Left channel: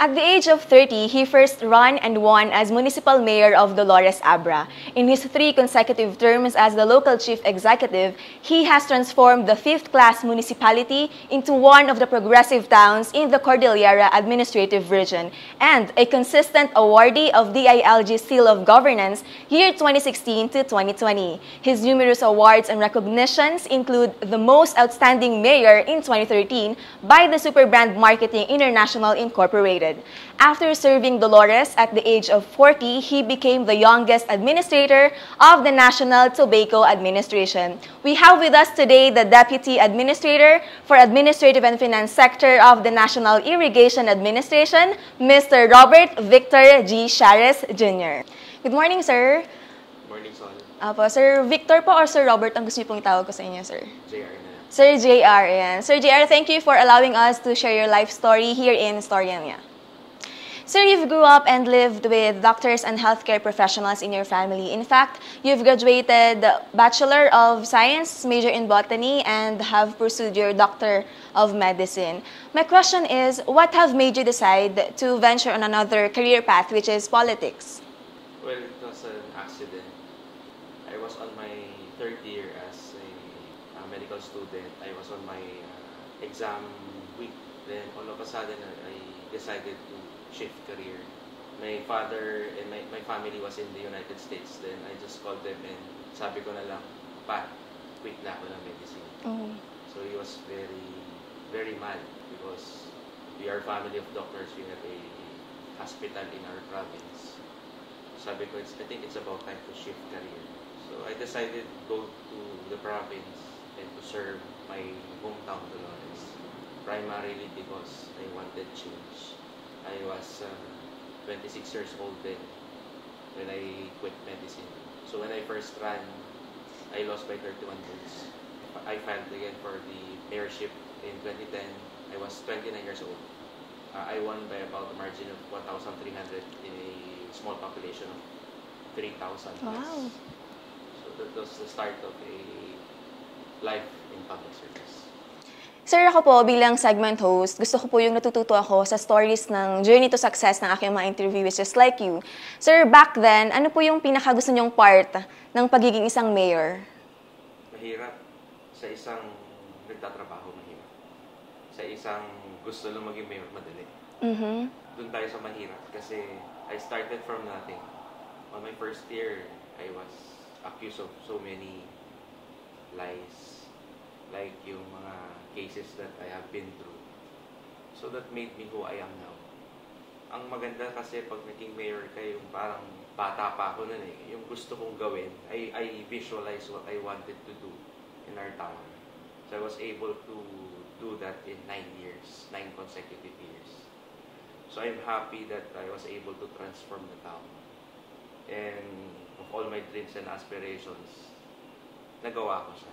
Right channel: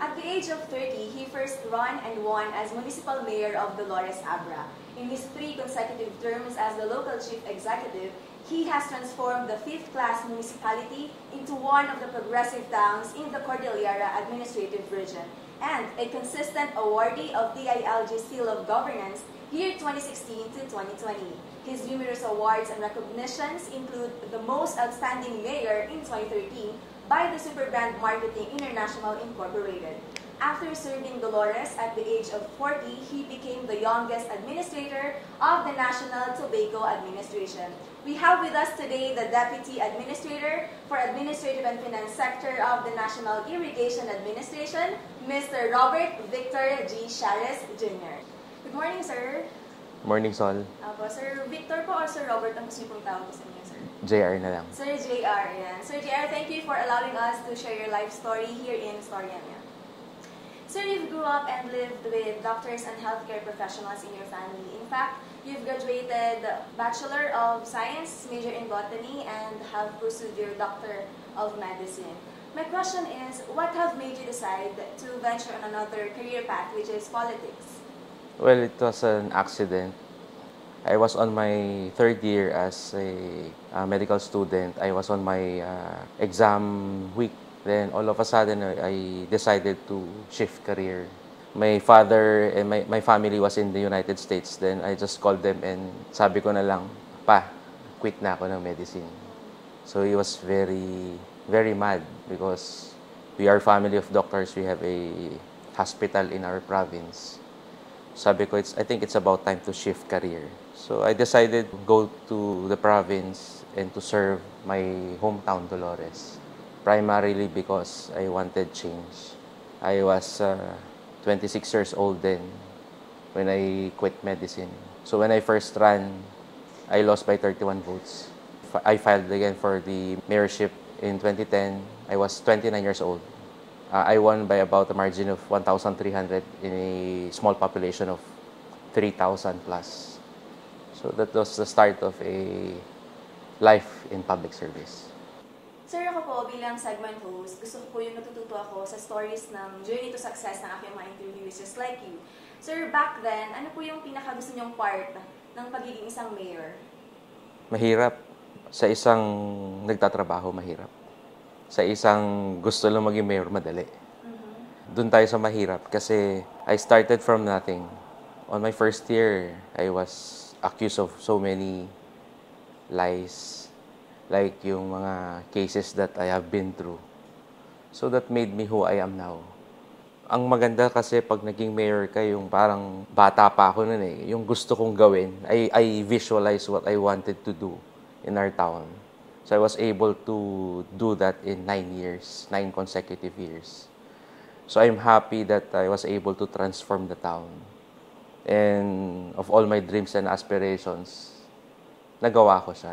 At the age of 30, he first ran and won as municipal mayor of Dolores Abra. In his 3 consecutive terms as the local chief executive, he has transformed the 5th-class municipality into one of the progressive towns in the Cordillera Administrative Region and a consistent awardee of DILG Seal of Governance year 2016 to 2020. His numerous awards and recognitions include the Most Outstanding Mayor in 2013 by the Superbrand Marketing International Incorporated. After serving Dolores at the age of 40, he became the youngest administrator of the National Tobacco Administration. We have with us today the Deputy Administrator for Administrative and Finance Sector of the National Irrigation Administration, Mr. Robert Victor G. Shares Jr. Good morning, sir. Morning, Sol. Apo, Sir Victor po or Sir Robert ang gusto niyo pong itawag ko sa inyo, sir? JR na lang. Sir JR, yan. Sir JR, thank you for allowing us to share your life story here in Storyamia. Sir, you've grew up and lived with doctors and healthcare professionals in your family. In fact, you've graduated Bachelor of Science, major in Botany, and have pursued your Doctor of Medicine. My question is, what have made you decide to venture on another career path, which is politics? Well, it was an accident. I was on my 3rd year as a medical student. I was on my exam week. Then all of a sudden, I decided to shift career. My father and my family was in the United States. Then I just called them and sabi ko na lang, pa, quit na ako ng medicine. So he was very, very mad because we are family of doctors. We have a hospital in our province. Sabi ko, I think it's about time to shift career. So I decided to go to the province and to serve my hometown, Dolores. Primarily because I wanted change. I was 26 years old then when I quit medicine. So when I first ran, I lost by 31 votes. I filed again for the mayorship in 2010. I was 29 years old. I won by about a margin of 1,300 in a small population of 3,000 plus. Wow. So that was the start of a life in public service. Sir, ako po bilang segment host, gusto ko po yung natututo ako sa stories ng journey to success ng aking mga interviewees just like you. Sir, back then, ano po yung pinakagusto niyong part ng pagiging isang mayor? Mahirap. Sa isang nagtatrabaho, mahirap. Sa isang gusto lang maging mayor, madali. Doon tayo sa mahirap kasi I started from nothing. On my first year, I was accused of so many lies. Like yung mga cases that I have been through. So that made me who I am now. Ang maganda kasi pag naging mayor ka, yung parang bata pa ako nun eh. Yung gusto kong gawin, I visualize what I wanted to do in our town. So I was able to do that in 9 years, 9 consecutive years. So I'm happy that I was able to transform the town. And of all my dreams and aspirations, nagawa ko siya.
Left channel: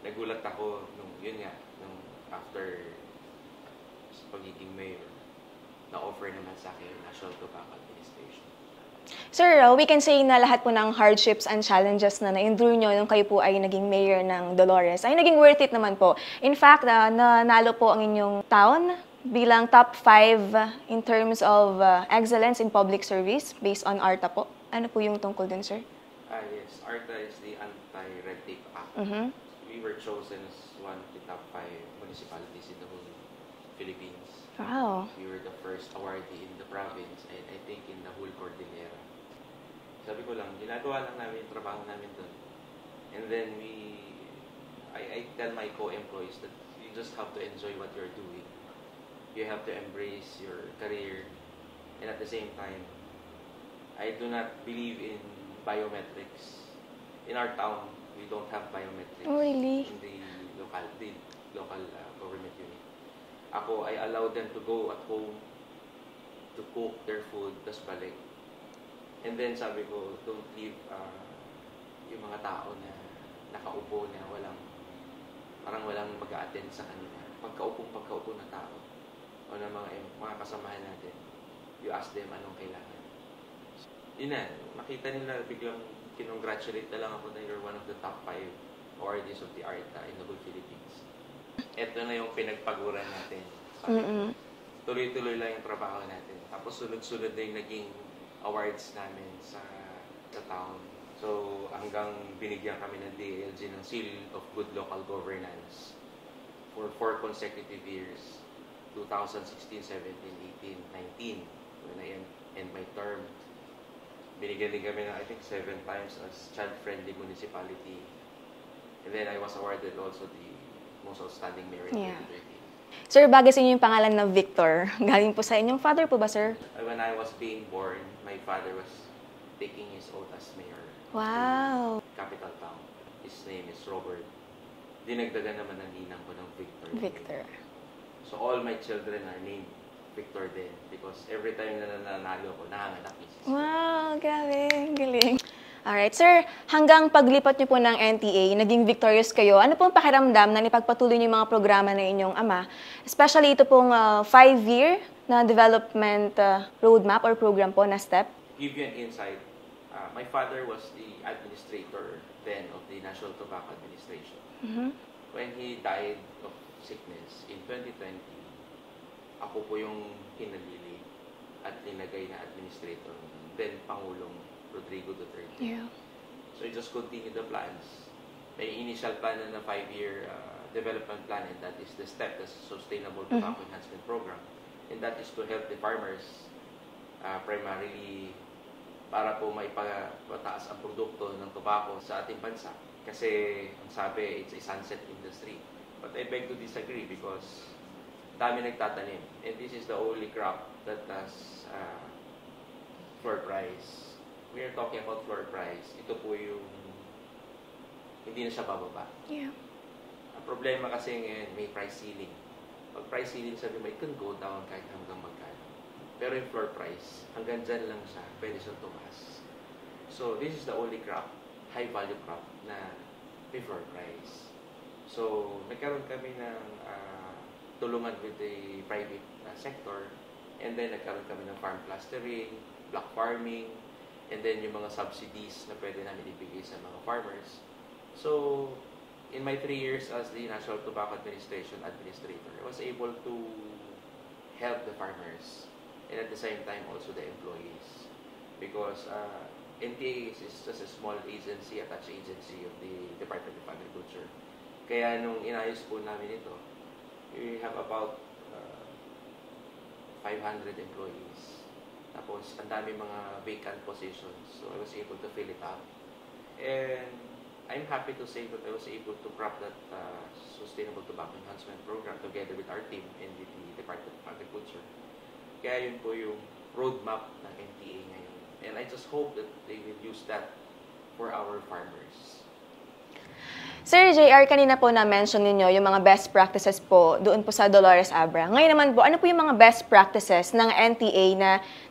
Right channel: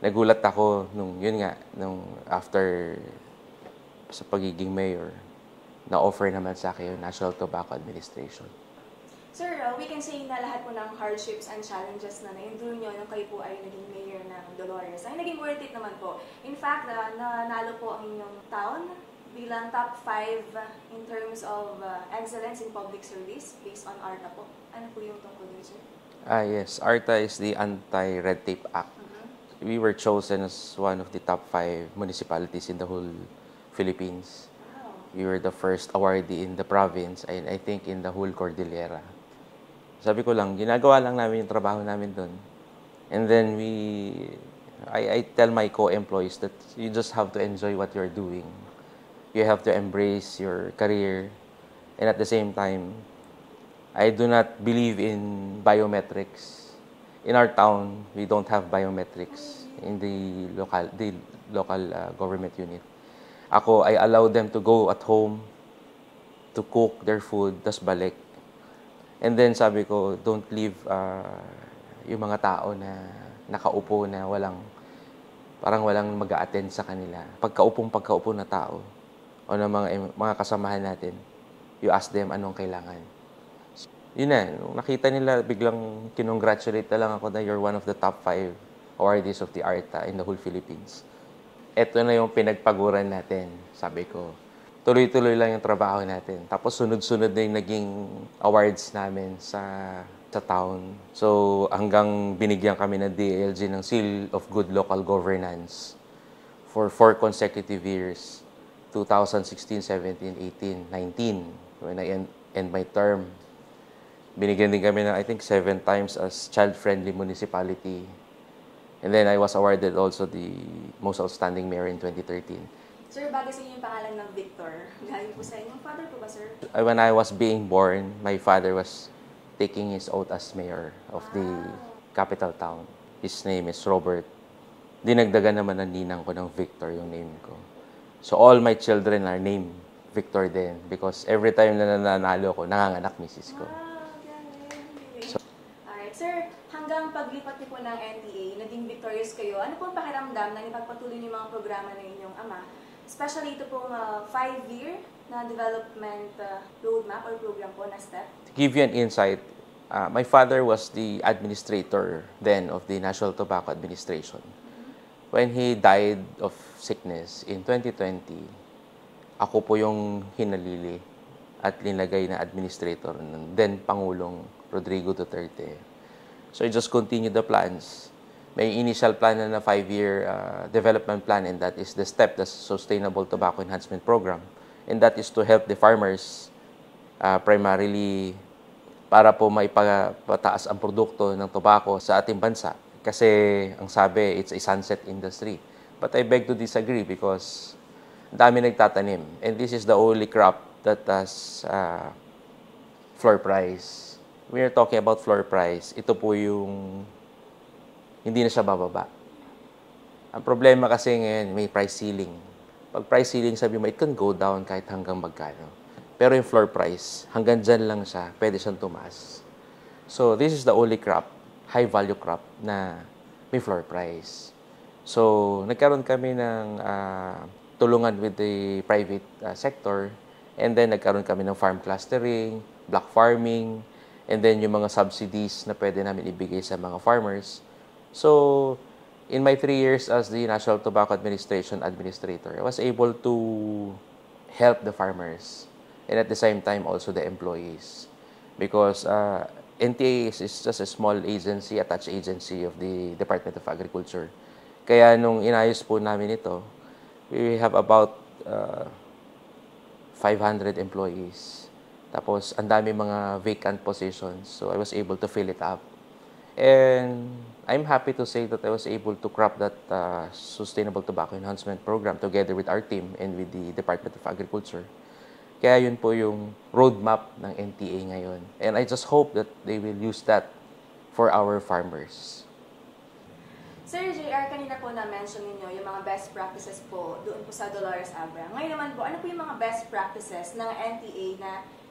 Nagulat ako nung after sa pagiging mayor, na-offer naman sa akin yung National Tobacco Administration. Sir, we can say na lahat po ng hardships and challenges na na-endure nyo nung kayo po ay naging mayor ng Dolores ay naging worth it naman po. In fact, nanalo po ang inyong town bilang top 5 in terms of excellence in public service based on ARTA po. Ano po yung tungkol dun, sir? Yes. ARTA is the Anti-Red Tape Act. We were chosen as one of the top 5 municipalities in the whole Philippines. Wow. We were the first awardee in the province and I think in the whole Cordillera. Sabi ko lang, ginagawa lang namin yung trabaho namin doon. And then I tell my co-employees that you just have to enjoy what you're doing. You have to embrace your career. And at the same time, I do not believe in biometrics. In our town, we don't have biometrics. Oh, really? In the local government unit. Ako, I allow them to go at home to cook their food, tas balik. And then sabi ko, don't leave yung mga tao na nakaupo na parang walang mag-a-attend sa kanila. Pagkaupo na tao o ng mga kasamahan natin, you ask them anong kailangan. Yun na, nakita nila, biglang kinongratulate na lang ako na you're one of the top 5 awardees of the ARTA in the whole Philippines. Ito na yung pinagpaguran natin, sabi ko. tuloy-tuloy lang yung trabaho natin. Tapos sunod-sunod na yung naging awards namin sa town. So hanggang binigyan kami ng DILG ng Seal of Good Local Governance for 4 consecutive years. 2016, 17, 18, 19. When I end my term. Binigyan din kami ng, I think, 7 times as child-friendly municipality. And then I was awarded also the most outstanding mayor in 2013. Sir, bagay sa inyo yung pangalan na Victor. Galing po sa inyong father po ba, sir? When I was being born, my father was taking his oath as mayor of the capital town. His name is Robert. Dinagdagan naman ng ninang ko ng Victor yung name ko. So all my children are named Victor din because every time na nananalo ko, nanganganak misis ko. Wow, galing. Galing. Alright, sir, hanggang paglipat niyo po ng NTA, naging victorious kayo. Ano pong pakiramdam na nipagpatuloy niyo yung mga programa na inyong ama? Especially ito pong 5-year na development roadmap or program po na STEP. To give you an insight, my father was the administrator then of the National Tobacco Administration. When he died of sickness in 2020, ako po yung hinalili at linagay na administrator ng then Pangulong Rodrigo Duterte. So I just continued the plans. May initial plan na 5-year development plan, and that is the STEP, the Sustainable Tobacco Enhancement Program. And that is to help the farmers primarily para po maipataas ang produkto ng tobacco sa ating bansa. Kasi ang sabi, it's a sunset industry. But I beg to disagree because dami nagtatanim. And this is the only crop that has floor price. We are talking about floor price. Ito po yung hindi na siya bababa. Ang problema kasi ngayon, may price ceiling. Pag price ceiling, sabi mo, it can go down kahit hanggang magkano. Pero yung floor price, hanggang dyan lang siya, pwede siyang tumaas. So, this is the only crop, high-value crop, na may floor price. So, nagkaroon kami ng tulungan with the private sector, and then nagkaroon kami ng farm clustering, block farming, and then yung mga subsidies na pwede namin ibigay sa mga farmers. So, in my 3 years as the National Tobacco Administration Administrator, I was able to help the farmers and at the same time also the employees. Because NTA is just a small agency, attached agency of the Department of Agriculture. Kaya nung inayos po namin ito, we have about 500 employees. Tapos, ang dami mga vacant positions. So, I was able to fill it up. And I'm happy to say that I was able to craft that Sustainable Tobacco Enhancement Program together with our team and with the Department of Agriculture. Kaya yun po yung roadmap ng NTA ngayon. And I just hope that they will use that for our farmers. Sir JR, kanina po na-mention ninyo yung mga best practices po doon po sa Dolores Abra. Ngayon naman po, ano po yung mga best practices ng NTA na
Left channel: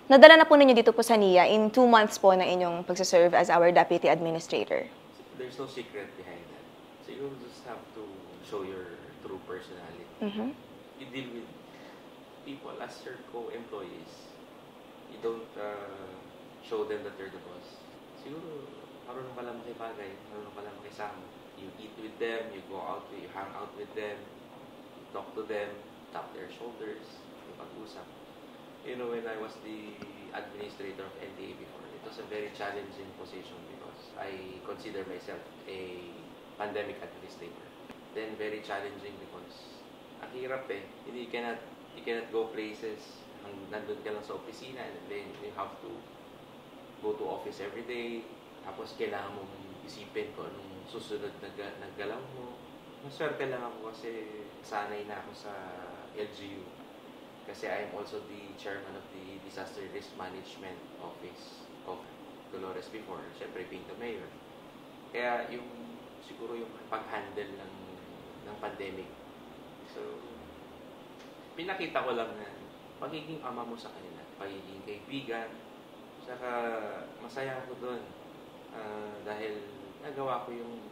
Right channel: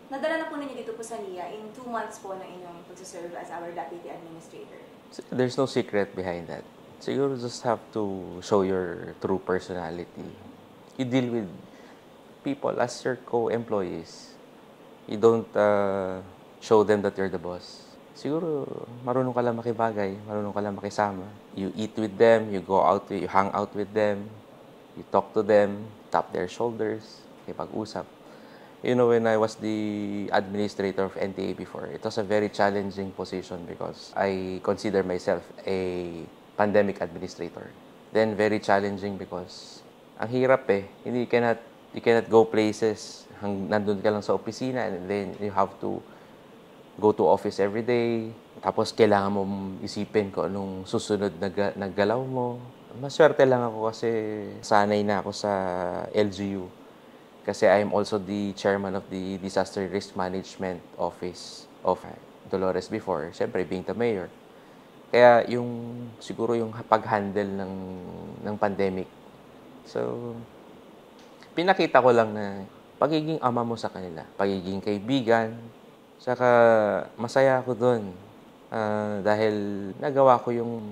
nadala na po ninyo dito po sa NIA in 2 months po na inyong pagsaserve as our Deputy Administrator? There's no secret behind that. So you just have to show your true personality. You deal with people as your co-employees. You don't show them that you're the boss. Siguro, marunong ka lang makibagay, marunong ka lang makisama. You eat with them, you go out, you hang out with them, you talk to them, tap their shoulders, ipag-usap. You know, when I was the administrator of NTA before, it was a very challenging position because I consider myself a pandemic administrator. Then, very challenging because ang hirap eh. You cannot go places. Nandun ka lang sa opisina and then you have to go to office every day. Tapos, kailangan mo isipin kung anong susunod na galaw mo. Maswerte lang ako kasi sanay na ako sa LGU. Kasi I'm also the chairman of the Disaster Risk Management Office of Dolores before. Siyempre, being the mayor. Kaya siguro yung pag-handle ng pandemic. So, pinakita ko lang na pagiging ama mo sa kanila, pagiging kaibigan, saka masaya ako doon. Dahil nagawa ko yung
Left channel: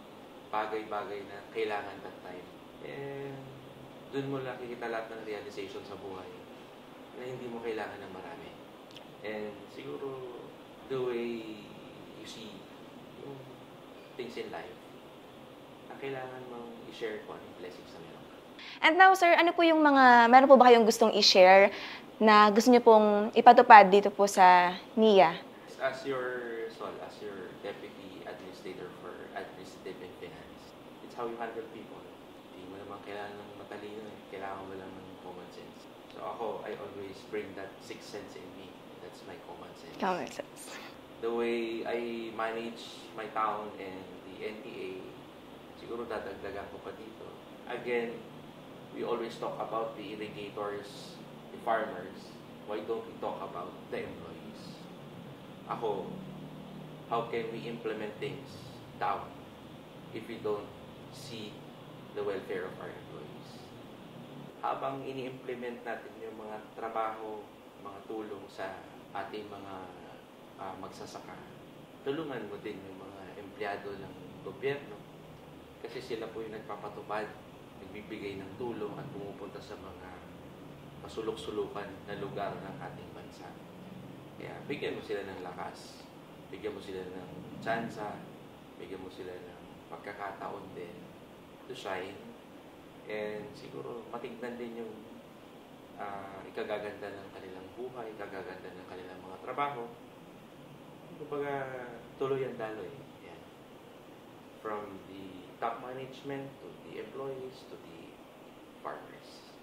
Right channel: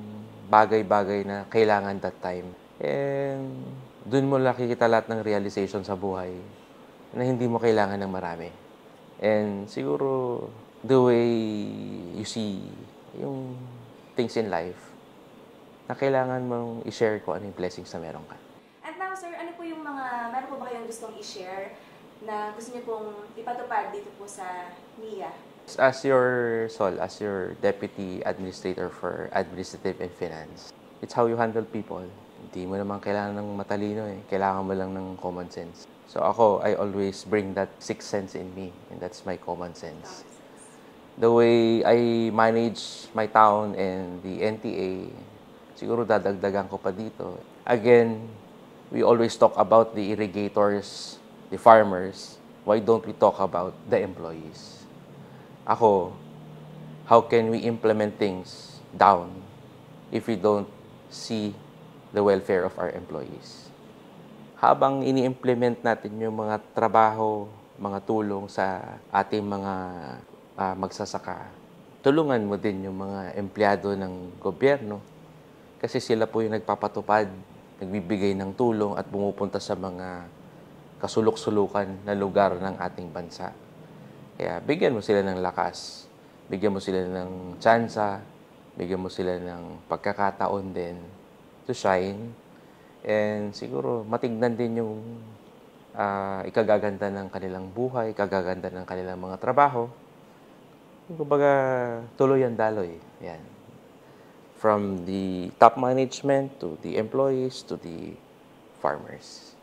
bagay-bagay na kailangan that time. And doon mo nakikita lahat ng realization sa buhay na hindi mo kailangan ng marami. And siguro, the way you see yung things in life, na kailangan mong i-share ko ano yung blessings na meron ka. And now, sir, ano po yung meron po ba kayong gustong i-share na gusto niyo pong ipatupad dito po sa NIA? As your Deputy Administrator for Administrative and Finance, it's how you handle people. Hindi mo naman kailangan ng matalino eh. Kailangan mo lang ng common sense. So ako, I always bring that sixth sense in me, and that's my common sense. Common sense. The way I manage my town and the NTA, siguro dadagdagan ko pa dito. Again, we always talk about the irrigators, the farmers. Why don't we talk about the employees? Ako, how can we implement things down if we don't see the welfare of our employees? Habang ini-implement natin yung mga trabaho, mga tulong sa ating mga magsasaka, tulungan mo din yung mga empleyado ng gobyerno kasi sila po yung nagpapatupad, nagbibigay ng tulong at pumupunta sa mga kasulok-sulukan na lugar ng ating bansa. Kaya bigyan mo sila ng lakas, bigyan mo sila ng tsansa, bigyan mo sila ng pagkakataon din to shine, and siguro matignan din yung ikagaganda ng kanilang buhay, ikagaganda ng kanilang mga trabaho. Kumbaga, tuloy ang daloy. Yan. From the top management to the employees to the farmers.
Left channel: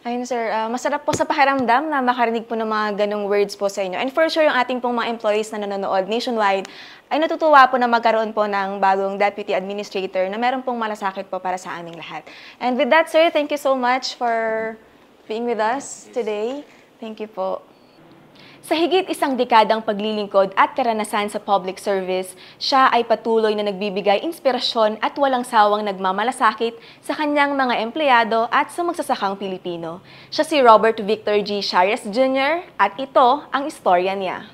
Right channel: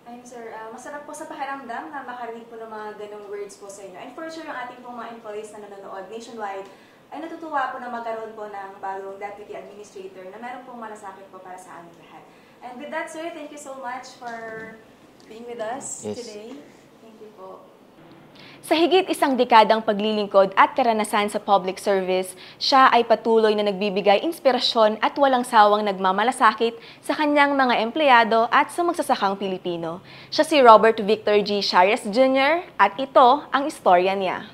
Ayun, sir. Masarap po sa pakiramdam na makarinig po ng mga ganong words po sa inyo. And for sure, yung ating pong mga employees na nanonood nationwide ay natutuwa po na magkaroon po ng bagong Deputy Administrator na meron pong malasakit po para sa aming lahat. And with that, sir, thank you so much for being with us today. Thank you po. Sa higit isang dekadang paglilingkod at karanasan sa public service, siya ay patuloy na nagbibigay inspirasyon at walang sawang nagmamalasakit sa kanyang mga empleyado at sa magsasakang Pilipino. Siya si Robert Victor G. Sharias Jr. at ito ang istorya niya.